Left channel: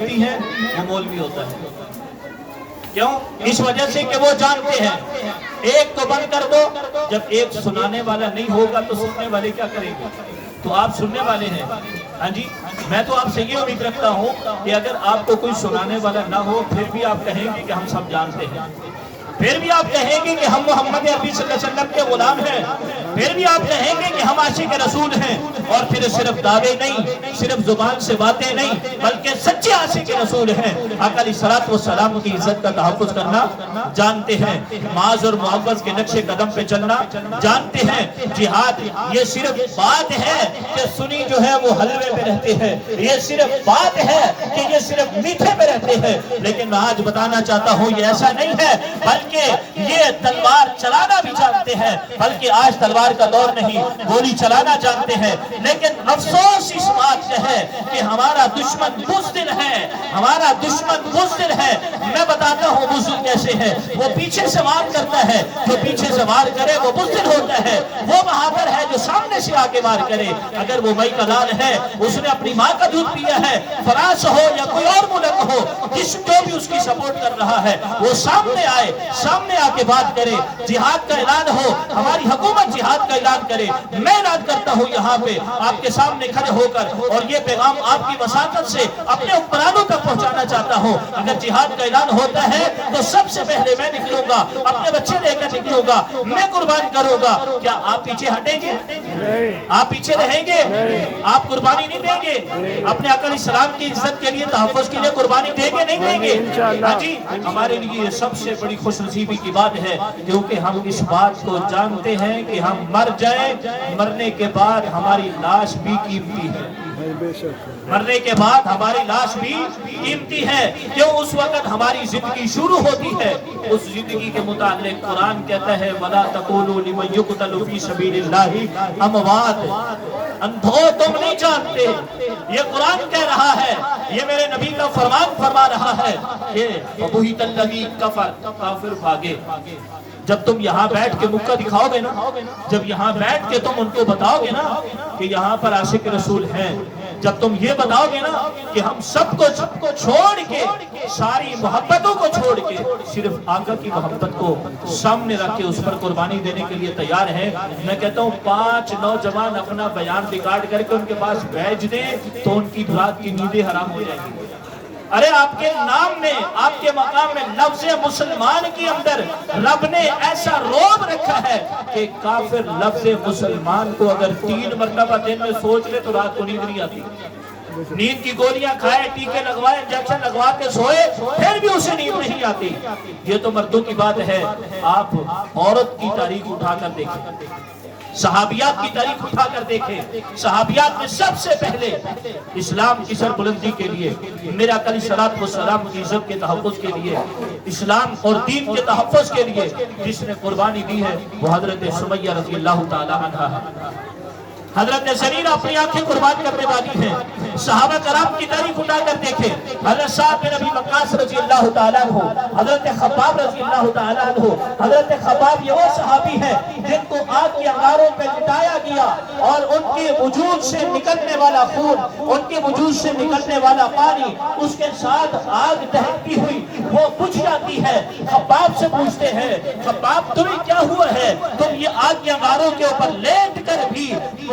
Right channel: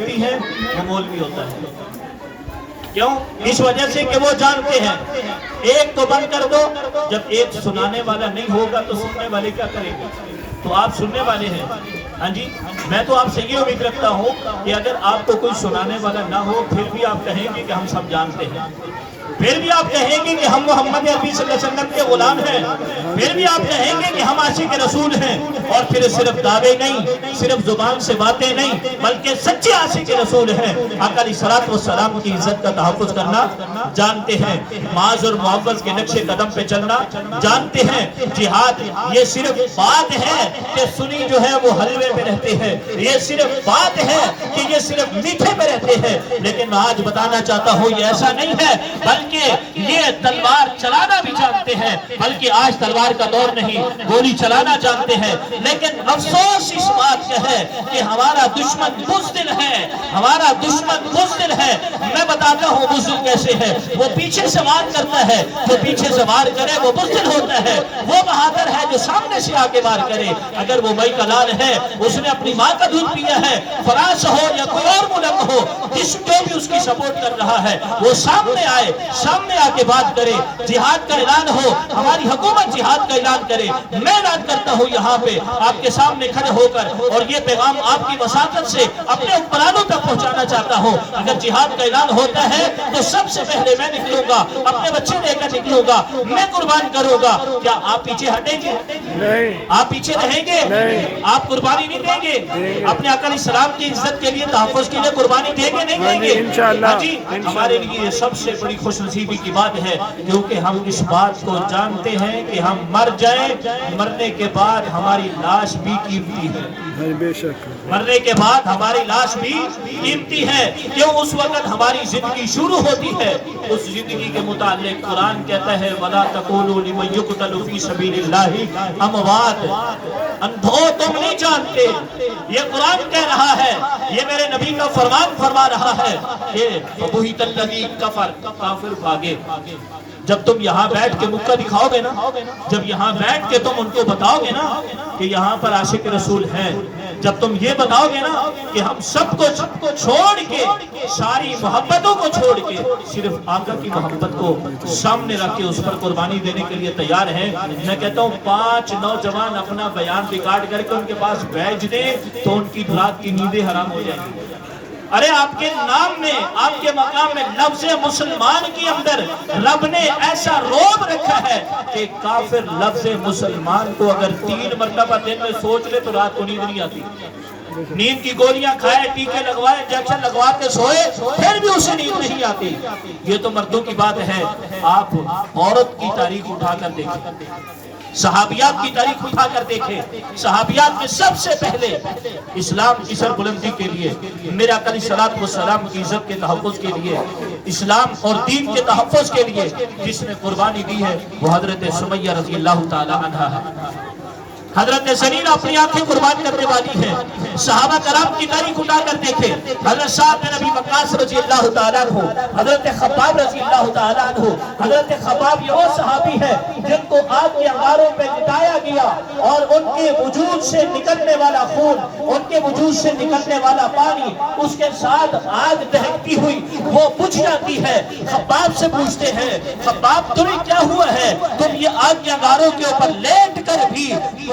ہے وہ مولوی ہوتا ہے. کیوں؟ اس وجہ سے کہ وہ جانتے ہیں ایک کو بند کر دو، جب ایک سنانے والا نہیں ہوگا تو سننے والے کیا کریں گے؟ تو آپ سننے والے ہیں. ہاں جی، میں تو آپ سے یہ امید رکھتا ہوں کہ اگر آپ کو کوئی سنانے والا نہ ہو پھر بھی آپ کہیں گے کہ ہم سب جانتے ہیں، پھر بھی آپ کہیں گے کہ ہم محمد عربی صلی اللہ علیہ وسلم کے غلام ہیں، پھر بھی آپ کہیں گے کہ ہم عاشق رسول ہیں. اور پھر صرف دعوے نہیں، صرف زبان سے باتیں نہیں، بلکہ سچے عاشق رسول ہیں. آقا علیہ الصلوۃ والسلام کی عزت کا تحفظ کرنا جانتے ہیں، معاذ اور معوذ کے نقش قدم پہ چلنا جانتے ہیں. جہاد یہ صرف بات ہے کہ سنی جو ہے وہ حلوے میں رہتے ہیں، یہ صرف بات ہے کہ یہ صرف میٹھے میں رہتے ہیں. لیکن میں آج بتانا چاہتا ہوں یہ ایسا نہیں ہے، بلکہ یہ تلوار چلانا بھی جانتے ہیں. بلکہ آج تلوار کا دور نہیں، گولی چلانا جانتے ہیں. لیکن افسوس اس بات کا ہے کہ ہمارا دشمن بزدل ہے، ہمارا دشمن بزدل ہے. میں بتاتا ہوں بزدل کیسے ہے. وہ پیچھے سے وار کرتا ہے، جو پیچھے سے وار کرے وہ بزدل ہوتا ہے. وہ بہادر ہے جو سامنے سے آگے وار کرے. اگر وہ بھائی کا لال ہے، اس نے اپنی ماں کا دودھ پیا ہے، فرانس ہو یا کوئی اور ملک ہو، جو بھی اس کی سپورٹ کر رہا ہے وہ سامنے آئے، سامنے آ کے بات کرے. جہاد کا اعلان ہو، ہماری حکومت جہاد کا اعلان کرے. میں اعلان کرتا ہوں یہاں پہ آپ کے سامنے کھڑے ہو کر، اور یہ پیغام آپ کی وساطت سے اپنے حکمرانوں تک پہنچانا چاہتا ہوں. اگر جہاد کا اعلان ہوتا ہے تو سب سے پہلے میں نکلوں گا، اپنے بچے لے کر نکلوں گا، میں قربان کروں گا. کیا آپ پیچھے ہٹیں گے؟ آپ پیچھے رہیں گے؟ آپ قربانی نہیں دیں گے؟ اپنے آقا علیہ السلام کی عزت کے لیے، تحفظ کے لیے قربانی دیں گے نہیں دیں گے؟ ہاں جی، ہمارے لیے یہ سب سے بڑی خوش نصیبی کی بات ہے، کیونکہ ہم اس بات کو جانتے ہیں کہ ہم مر جائیں، مرنے کے بعد ہماری لاش بھی قیمتی ہے. بے شک مرنے کے بعد ہماری لاش بھی قیمتی ہے. کیوں؟ اس وقت ہماری زندگی شروع ہوتی ہے. اس زندگی کے متعلق قرآن کہتا ہے وَلَا تَقُولُوا لِمَنْ يُقْتَلُ فِي سَبِيلِ اللَّهِ أَمْوَاتٌ. اندھو تم نہیں جانتے، یہ قرآن کہہ رہا ہے، یہ میرے نبی کا فرمان فرما رہا ہے کہ فَبُهِتَ الَّذِي كَفَرَ، کافر بھاگے. جب تم یہاں بیٹھ کے مکہ دکھاؤ گے نا، جب یہاں بیٹھ کے تم ان کو بتاؤ گے نا کہ یہاں پر عاشق رسول ہیں، جب تم یہ بتاؤ گے نا کہ ہم سب کو چھوڑ کے، ساری محبتوں کو چھوڑ کے صرف آقا کی محبت کو سامنے رکھ کے اس پر قربانی دینے کے لیے تیار ہیں، میں کہتا ہوں 5 نوجوان اپنا بیان ریکارڈ کر کے ان کے پاس بھیج دیں تو ان کی رات کی نیندیں حرام ہو جائیں گی. ارے آپ کے نام میں، آپ کے مقام میں لفظ مسلمان کی اندر رب نے ایسا روب رکھا ہے کہ کافر لفظ مسلمان کو اگر 3 مرتبہ دن میں سوچ لے تو رات کو نیند نہیں آتی. نیند کی گولیاں کھائے، ٹیکے لگوائے، انجیکشن لگوا کے سوئے، پھر بھی اسے نیند نہیں آتی. یہ تو مردوں کی بات ہے. آپ عورت کی تاریخ اٹھا کر دیکھیں، صحابیات کی تاریخ اٹھا کر دیکھیں. صحابیات میں سب سے پہلے اسلام کی سربلندی کے لیے، میرا آقا علیہ الصلوۃ والسلام کی عزت کے تحفظ کے لیے، اسلام اور دین کے تحفظ کے لیے جس نے قربانی دی ہے وہ حضرت سمیہ رضی اللہ تعالی عنہا ہے. حضرت زنیرہ اپنی آنکھیں قربان کرنے والی ہیں. صحابہ کرام کی تاریخ اٹھا کر دیکھیں. حضرت سعد بن ابی وقاص رضی اللہ تعالیٰ عنہ، حضرت خباب رضی اللہ تعالیٰ عنہ. حضرت خباب یہ وہ صحابی ہے جن کو آگ کے انگاروں پہ لٹایا گیا اور ان کے وجود سے نکلنے والا خون، ان کے وجود سے نکلنے والا پانی، اس کے ساتھ آگ دہکتی ہوئی وہ بجھ جاتی ہے. خباب سے پوچھتے ہیں خباب تمہیں کیا ہوا ہے؟ تم یہ آگ کے انگاروں کے اوپر لیٹ کر بھی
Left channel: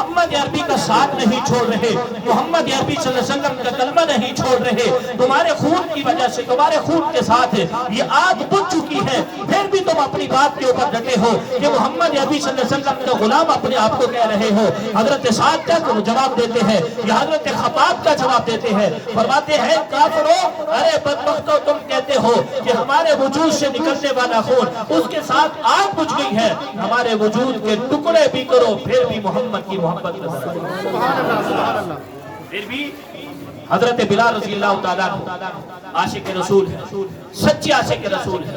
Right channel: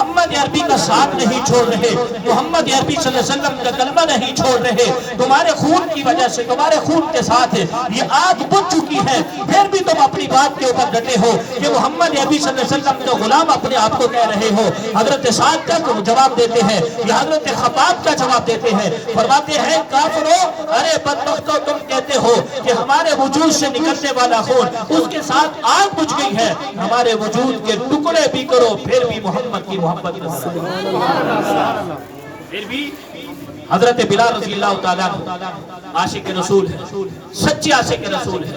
محمد عربی کا ساتھ نہیں چھوڑ رہے، محمد عربی صلی اللہ علیہ وسلم کا کلمہ نہیں چھوڑ رہے. تمہارے خون کی وجہ سے، تمہارے خون کے ساتھ یہ آگ بجھ چکی ہے، پھر بھی تم اپنی بات کے اوپر ڈٹے ہو کہ محمد عربی صلی اللہ علیہ وسلم کا غلام اپنے آپ کو کہہ رہے ہو. حضرت سعد کا جواب دیتے ہیں یا حضرت خباب کا جواب دیتے ہیں، فرماتے ہیں کافرو، ارے بدبختو، تم کہتے ہو کہ ہمارے وجود سے نکلنے والا خون اس کے ساتھ آگ بجھ گئی ہے، ہمارے وجود کے ٹکڑے بھی کرو پھر بھی محمد کی محبت نہ. پھر بھی حضرت بلال رضی اللہ تعالیٰ عاشق رسول ہے، سچے عاشق رسول ہے.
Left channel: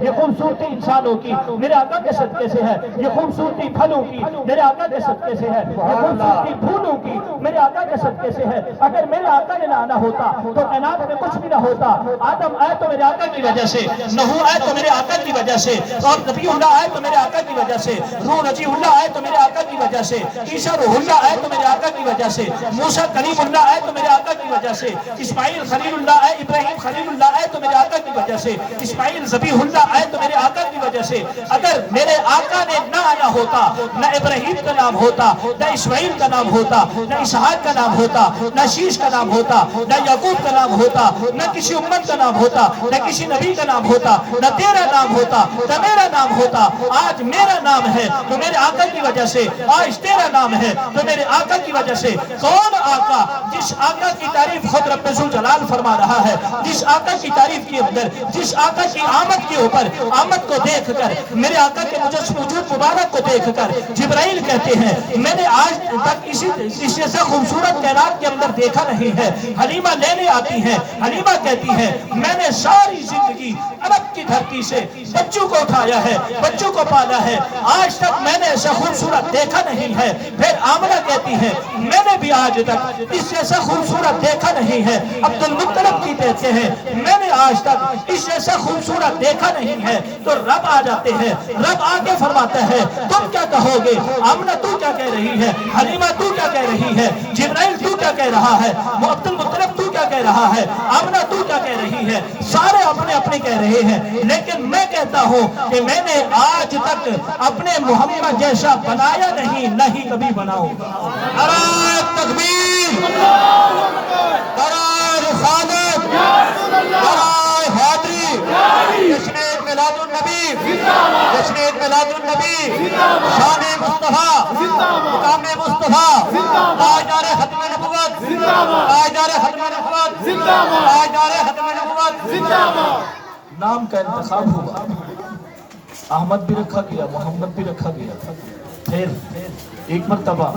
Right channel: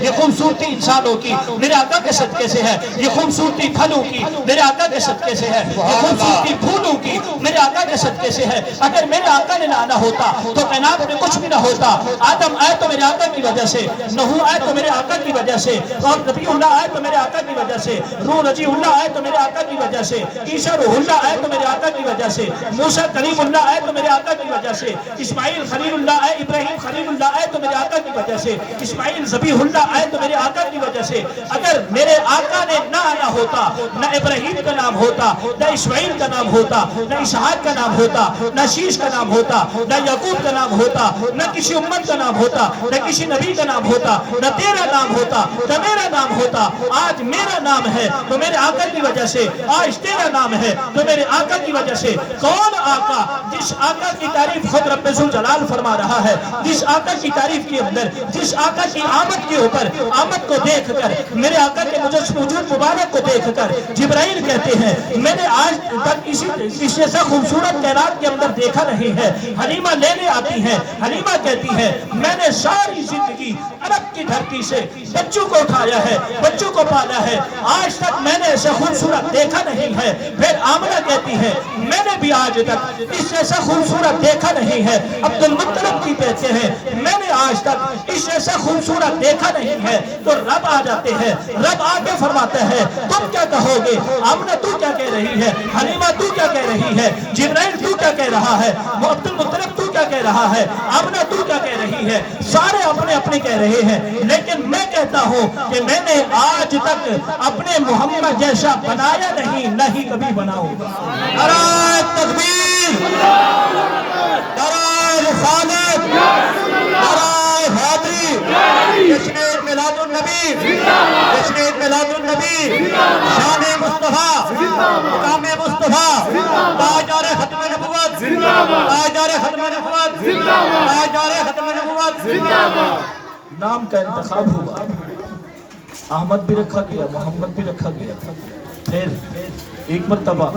یہ خوبصورتی انسانوں کی میرے آقا کے صدقے سے ہے، یہ خوبصورتی پھلوں کی میرے آقا کے صدقے سے ہے، یہ خوبصورتی پھولوں کی میرے آقا کے صدقے سے ہے۔ اگر میرے آقا نے نہ آنا ہوتا تو کائنات میں کچھ بھی نہ ہوتا۔ آدم آئے تو میرے آقا کی وجہ سے، نوح آئے تو میرے آقا کی وجہ سے، اور نبی اللہ آئے تو میرے آقا کی وجہ سے، روح رضی اللہ آئے تو میرے آقا کی وجہ سے، عیسیٰ روح اللہ آئے تو میرے آقا کی وجہ سے، موسیٰ کلیم اللہ آئے تو میرے آقا کی وجہ سے، اسماعیل خلیل اللہ آئے، ابراہیم خلیل اللہ آئے تو میرے آقا کی وجہ سے، اسماعیل ذبیح اللہ آئے تو میرے آقا کی وجہ سے۔ اگر میرے آقا نے نہ آنا ہوتا، نہ ابراہیم کا نام ہوتا، نہ اسماعیل کا نام ہوتا، نہ اسحاق کا نام ہوتا، نہ شیش کا نام ہوتا، نہ یعقوب کا نام ہوتا، نہ کسی امت کا نام ہوتا، نہ کسی نبی کا نام ہوتا، نہ تیرا نام ہوتا، نہ میرا نام ہوتا۔ آج میرا نام ہے تو میرے آقا کی وجہ سے، آج تیرا نام ہے تو میرے آقا کی وجہ سے۔ کون آقا؟ جس آقا کی تعریف خود رب ذوالجلال فرما رہا ہے، جس آقا کی تعریف کے اندر، جس آقا کی آمد کے اوپر، آمد کو دیکھ کر، میرے آقا کے وجود مبارک کو دیکھ کر جبرائیل کہتے ہیں میں نے آج تک اس جیسا خوبصورت کائنات کے اندر دیکھا نہیں ہے۔ حلیمہ لینے آتی ہے، حلیمہ کہتی ہے میں نے ساری زندگی عرب کی دھرتی سے بچوں کو اٹھایا ہے، بچوں کو پالا ہے، آج تک میں نے ایسا خوبصورت دیکھا نہیں ہے۔ پھر آمنہ کہتی ہے میں نے بھی آج تک اس جیسا خوبصورت دیکھا نہیں ہے۔ عبد المطلب کی کہتے ہیں میں نے آج تک اس جیسا خوبصورت دیکھا نہیں ہے۔ تو رب آ جاتے ہیں، رب آگے فرماتا ہے تم کیا کہو گے؟ آمنہ تو کیا کہہ رہی ہے؟ حلیمہ تو کیا کہہ رہی ہے؟ جبرائیل تو کیا کہہ رہا ہے؟ عبد المطلب تو کیا کہہ رہا ہے؟ آمنہ تو کیا کہہ رہی ہے؟ سارے اپنے اپنے کہہ رہے ہیں، لیکن میں کہتا ہوں کہ میں نے آج تک اپنے محمد جیسا بنایا نہیں، نہ ہی کبھی بناؤں گا۔ نعرہ تکبیر، نعرہ رسالت، نعرہ حیدری، جشن میلاد النبی، جشن میلاد النبی، شان مصطفیٰ، مقام مصطفیٰ، تاجدار ختم نبوت، تاجدار ختم نبوت، تاجدار ختم نبوت۔ نام کا انتخاب ہوا، احمد بھی رکھا گیا، محمد بھی رکھا گیا۔ پھر ایک مرتبہ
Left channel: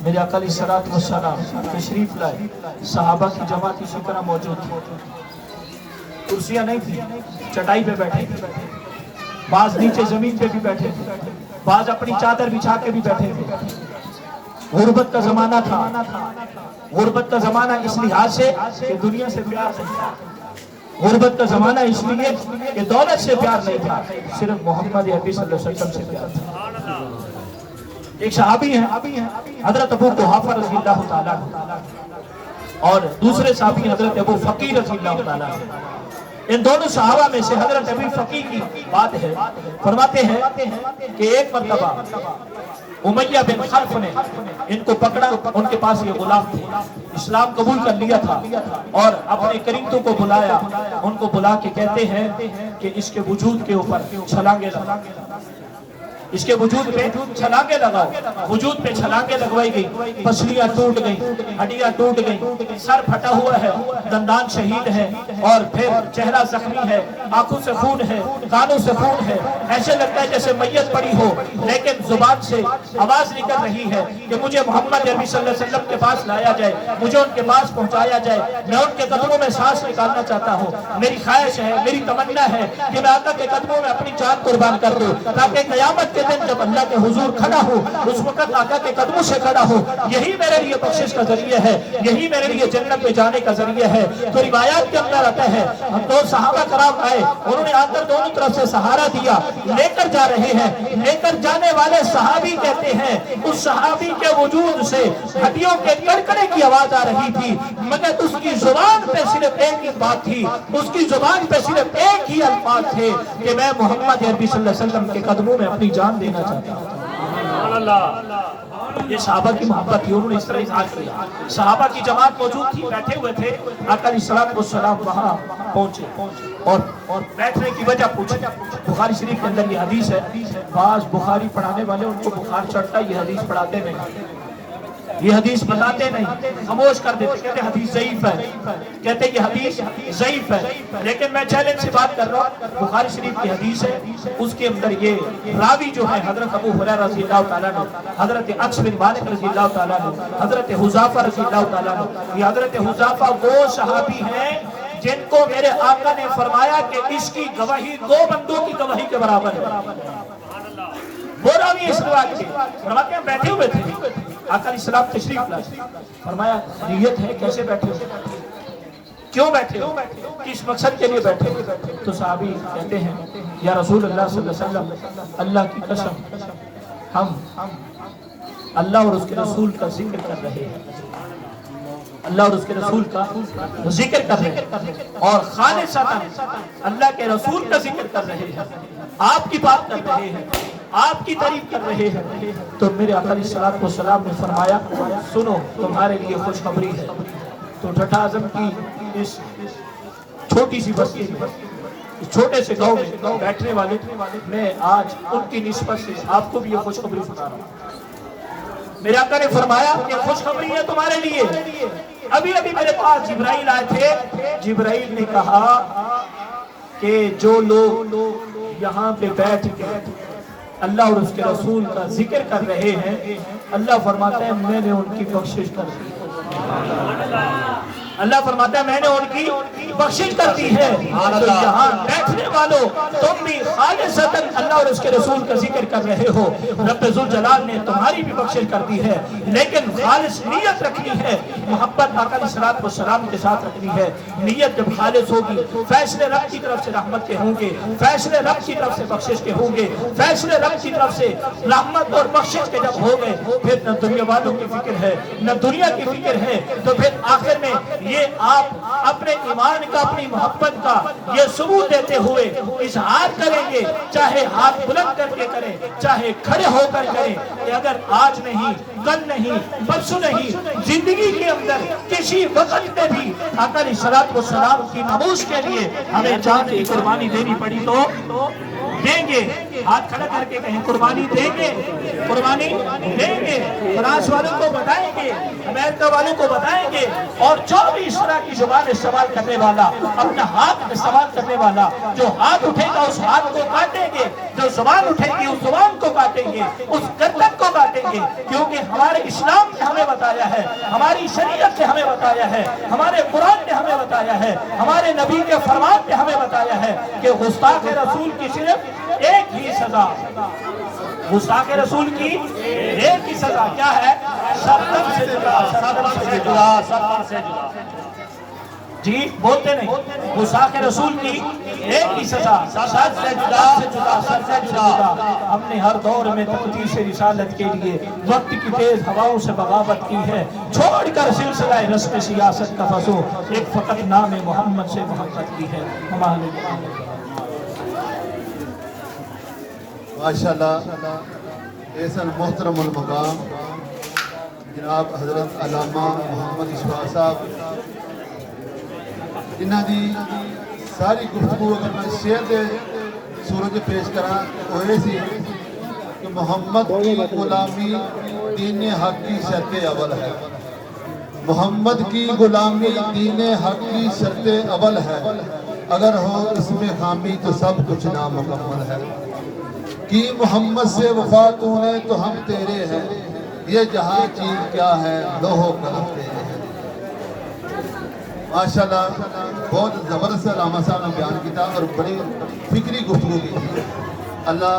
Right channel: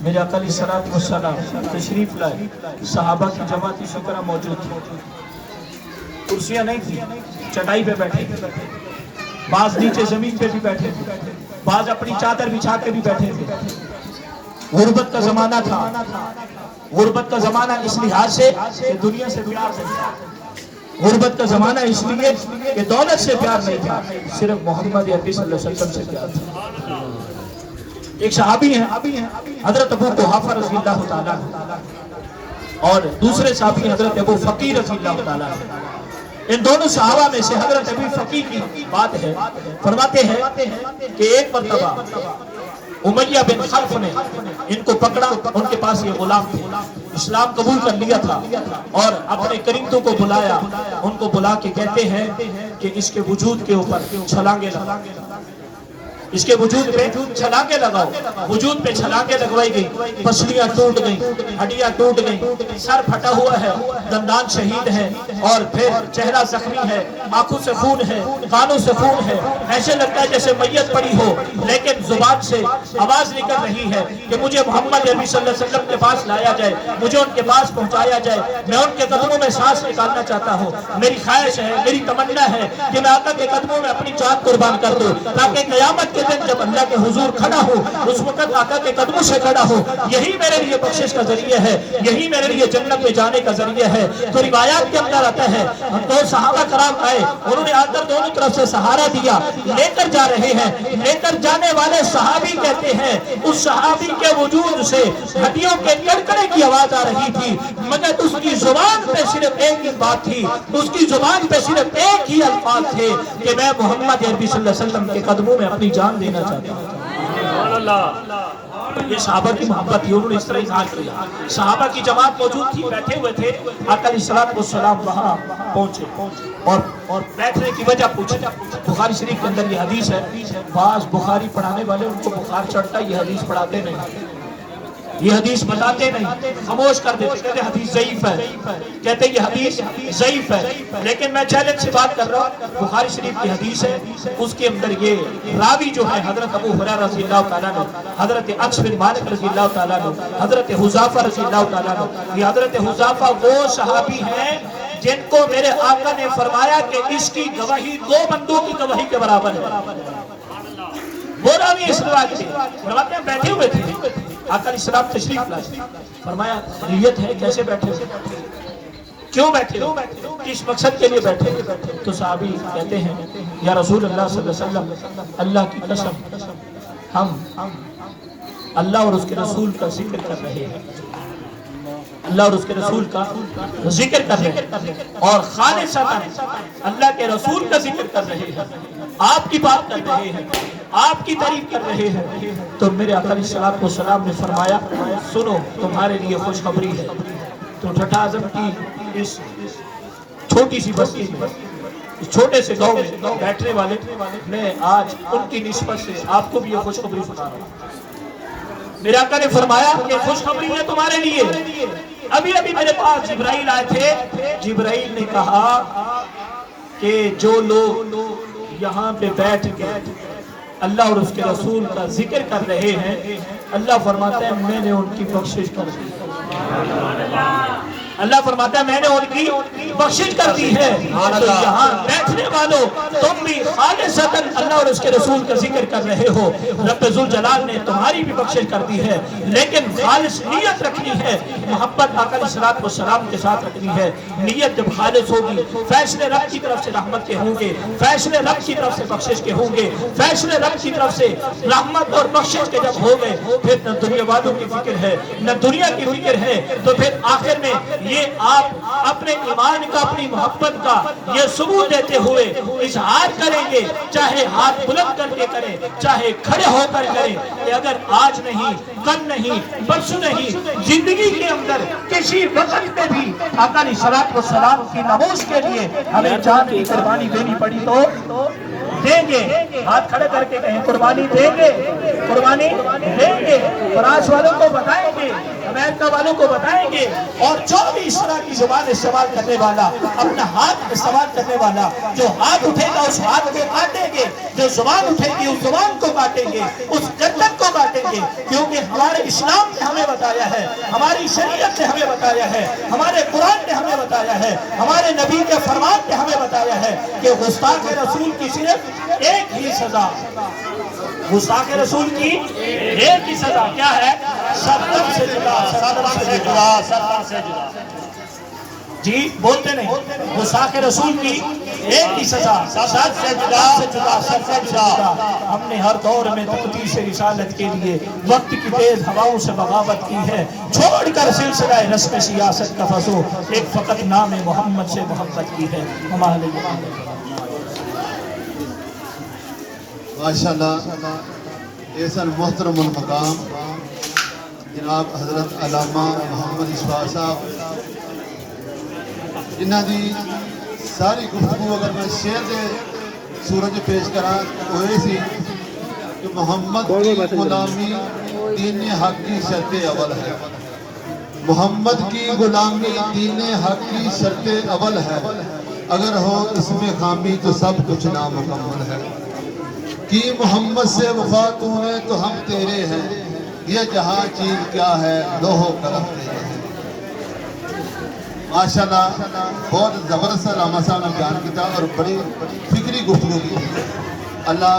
میرے آقا علیہ الصلوۃ والسلام تشریف لائے، صحابہ کی جماعت اسی طرح موجود تھی، کرسیاں نہیں تھی، چٹائی پہ بیٹھے تھے، بعض نیچے زمین پہ بھی بیٹھے تھے، بعض اپنی چادر بچھا کے بھی بیٹھے تھے۔ غربت کا زمانہ تھا، غربت کا زمانہ اس لحاظ سے کہ دنیا سے پیار نہیں تھا، غربت کا زمانہ اس لیے کہ دولت سے پیار نہیں تھا، صرف محمد عربی صلی اللہ علیہ وسلم سے پیار تھا۔ ایک صحابی ہیں حضرت ابو قحافہ رضی اللہ تعالیٰ اور دوسرے صحابی حضرت ابو فقی رضی اللہ تعالیٰ۔ ان دونوں صحابہ میں سے حضرت ابو فقی کی بات ہے، فرماتے ہیں کہ ایک مرتبہ امیہ بن خلف نے ان کو پکڑا، ان کے پاس یہ غلام تھے، اسلام قبول کر لیا تھا، اور اپنے کرندوں کو بلایا، ان کو بلا کے کہتے ہیں کہ اس کے وجود کے اوپر چھلانگیں لگاؤ، اس کے وجود پہ چھلانگیں لگاؤ۔ وجود پہ چھلانگیں لگوائی گئی، پسلیاں ٹوٹ گئیں، ہڈیاں ٹوٹ گئیں، سر پھٹا ہوا ہے، دندان شہید ہے، اور پھر چہرہ زخمی ہے، آنکھوں سے خون ہے، کانوں سے خون ہے، ایسے لگتا ہے جیسے میت پڑی ہو، لیکن زبان سے آواز نکل رہی ہے کہ مجھے محمد عربی صلی اللہ علیہ وسلم کے پاس لایا جائے، مجھے ان کے پاس پہنچایا جائے، میں ان کے قدموں میں سانس نکالنا چاہتا ہوں، میری خواہش ہے، میری تمنا ہے کہ میں آقا کے قدموں میں اپنی جان قربان کر دوں، تاکہ قیامت کے دن جب اللہ کے حضور کھڑا ہو اس وقت آقا کے قدموں سے کھڑا ہو۔ یہی میرے لیے بخشش کا ذریعہ ہے، یہی میرے لیے جنت میں جانے کا ذریعہ ہے۔ تو روایات کے اندر آتا ہے دو صحابہ کرام آئے، انہوں نے آ کر دونوں طرف سے سہارا دیا، لے کر جا رہے ہیں، لے کر جانے والے صحابی کہتے ہیں اس صحابی کے وجود سے ہڈیوں کے کڑکڑے کی آواز آ رہی تھی، مگر اس کی زبان پہ صرف ایک ہی بات تھی، اس کی زبان پہ صرف ایک ہی الفاظ تھے کہ میں محمد عربی صلی اللہ علیہ وسلم کے قدموں میں اپنی جان دینا چاہتا ہوں۔ یہ صحابہ کی محبت تھی، انہوں نے اس طرح اظہار کیا۔ صحابہ کی جماعت موجود تھی، بیٹھے ہوئے تھے، آقا علیہ الصلوۃ والسلام وہاں پہنچے اور بیٹھنے کی وجہ پوچھی۔ بخاری شریف کے اندر یہ حدیث ہے، بعض بخاری پڑھانے والے ان کو بخار چڑھتا ہے، یہ حدیث پڑھاتے نہیں، یہ حدیث بتاتے نہیں، خاموش کر دیتے، کہتے حدیث ضعیف ہے، کہتے یہ حدیث ضعیف ہے۔ لیکن میں چیلنج سے بات کر رہا ہوں، بخاری شریف کی حدیث ہے، اس کے اندر یہ راوی جو ہے حضرت ابو ہریرہ رضی اللہ تعالیٰ عنہ، حضرت انس بن مالک رضی اللہ تعالیٰ عنہ، حضرت حذیفہ رضی اللہ تعالیٰ عنہ۔ یہ حضرت حذیفہ وہ صحابی ہیں جن کو میرے آقا نے فرمایا کہ اس کی گواہی 2 بندوں کی گواہی کے برابر ہے۔ وہ راوی اس روایت کے فرماتے ہیں بیٹھے ہوئے تھے، آقا علیہ السلام تشریف لائے، فرمایا خیریت ہے، کیسے بیٹھے ہو، کیوں بیٹھے ہو، کس مقصد کے لیے بیٹھے ہو؟ تو صحابی کہتے ہیں یا رسول اللہ صلی اللہ علیہ وسلم، اللہ کی قسم ہم اللہ اور اس کے رسول کا ذکر کر رہے ہیں، اللہ اور اس کے رسول کا ذکر کر رہے ہیں، اور خالصتاً اللہ کے رسول کا ذکر کر رہے ہیں، آپ کی بات کر رہے ہیں، آپ کی تعریف کر رہے ہیں۔ تو میرے آقا علیہ السلام نے فرمایا سنو تمہارے لیے خوشخبری ہے۔ تو ٹھٹھا اعظم کی اس چھوٹی سی بستی میں، اس چھوٹے سے گاؤں میں بیٹھنے والے میں آج ان کی نسبت سے آپ کو بھی یہ خوشخبری سنا رہا ہوں۔ میرے آقا نے فرمایا کہ خوشخبری ہے تمہارے لیے، ابھی میرے پاس جبرائیل آئے تھے، جبرائیل نے کہا کہ جو لوگ یہاں پہ بیٹھ کے اللہ اور اس کے رسول کا ذکر کر رہے ہیں، اللہ فرماتا ہے میں نے ان کی بخشش کر دی، اللہ فرماتا ہے میں نے ان کی بخشش کر دی ہے۔ تو یہاں بیٹھنے والوں تم بھی خالصتاً اللہ اور اس کے رسول کا ذکر کر رہے ہو، رب ذوالجلال نے تمہاری بھی بخشش کر دی ہے، لیکن خالص نیت رکھنی ہے، محبت آقا علیہ السلام کے ساتھ رکھنی ہے۔ نیت جب خالص ہوگی، فیصلے رب کی طرف سے رحمت کے ہوں گے، فیصلے رب کی طرف سے بخشش کے ہوں گے، فیصلے رب کی طرف سے رحمت اور بخشش کے جب ہو گئے، پھر نہ دنیا والوں کی فکر ہے نہ دنیا کی فکر ہے۔ تو پھر آخر میں یہ آپ اپنے ایمان کا، اپنی محبت کا یہ ثبوت دیتے ہوئے اظہار کریں گے، چاہے ہاتھ بلند کر کے کریں، چاہے کھڑے ہو کر کریں، کہ اگر آج نہیں، کل نہیں، پرسوں نہیں، زندگی کے اندر کسی وقت میں بھی آقا علیہ السلام کی ناموس کے لیے ہمیں جان کی قربانی دینی پڑی تو دیں گے۔ ہاتھ کھڑے کر کے کہیں قربانی دیں گے، قربانی دیں گے، فرانس والوں کو بتائیں گے، امریکہ والوں کو بتائیں گے، اور جو بھی اس طرح کی زبان استعمال کرنے والا، اپنا ہاتھ استعمال کرنے والا، جو ہاتھ اٹھے گا اس ہاتھ کو کاٹیں گے، جو زبان اٹھے گی اس زبان کو کاٹیں گے، اس گردن کو کاٹیں گے، کیونکہ ہمارے اسلام نے ہمیں بتایا ہے، ہماری شریعت نے ہمیں بتایا ہے، ہمارے قرآن نے ہمیں بتایا ہے، ہمارے نبی کے فرمان نے ہمیں بتایا ہے کہ گستاخ رسول کی صرف ایک ہی سزا، گستاخ رسول کی ایک ہی سزا کیا ہے؟ سرطن سے جدا، سرطن سے جدا، سرطن سے جدا۔ جی بولتے نہیں، گستاخ رسول کی ایک ہی سزا، سر سے جدا، سر سے جدا۔ ہم نے ہر دور میں تقدیس رسالت کے لیے وقت کی تیز ہواؤں سے بغاوت کی ہے، چھوڑ کر سلسلہ رسم سیاست کا فسو، ایک فقط نام محمد سے محبت کی ہے ہمارے لیے۔ ماشاءاللہ ایسن محترم المقام جناب حضرت علامہ محمد اشفاق صاحب، جنہاں دی ساری گفتگو اگر میں شعر دے سورج پیش کراں تو یہ سی کہ محمد کی غلامی دین حق کی شرط اول ہے، محمد کی غلامی دین حق کی شرط اول ہے، اگر ہو اس میں خامی تو سب کچھ نامکمل ہے، کی محمد سے وفا تو نے تو ہم تیرے ہیں، یہ جہاں چیز کیا ہے لوہ قلم تیرے ہیں۔ ماشاءاللہ بہت زبردست علامہ صاحب نے بیان کیا اور بڑی فکری گفتگو کی تھی۔ اللہ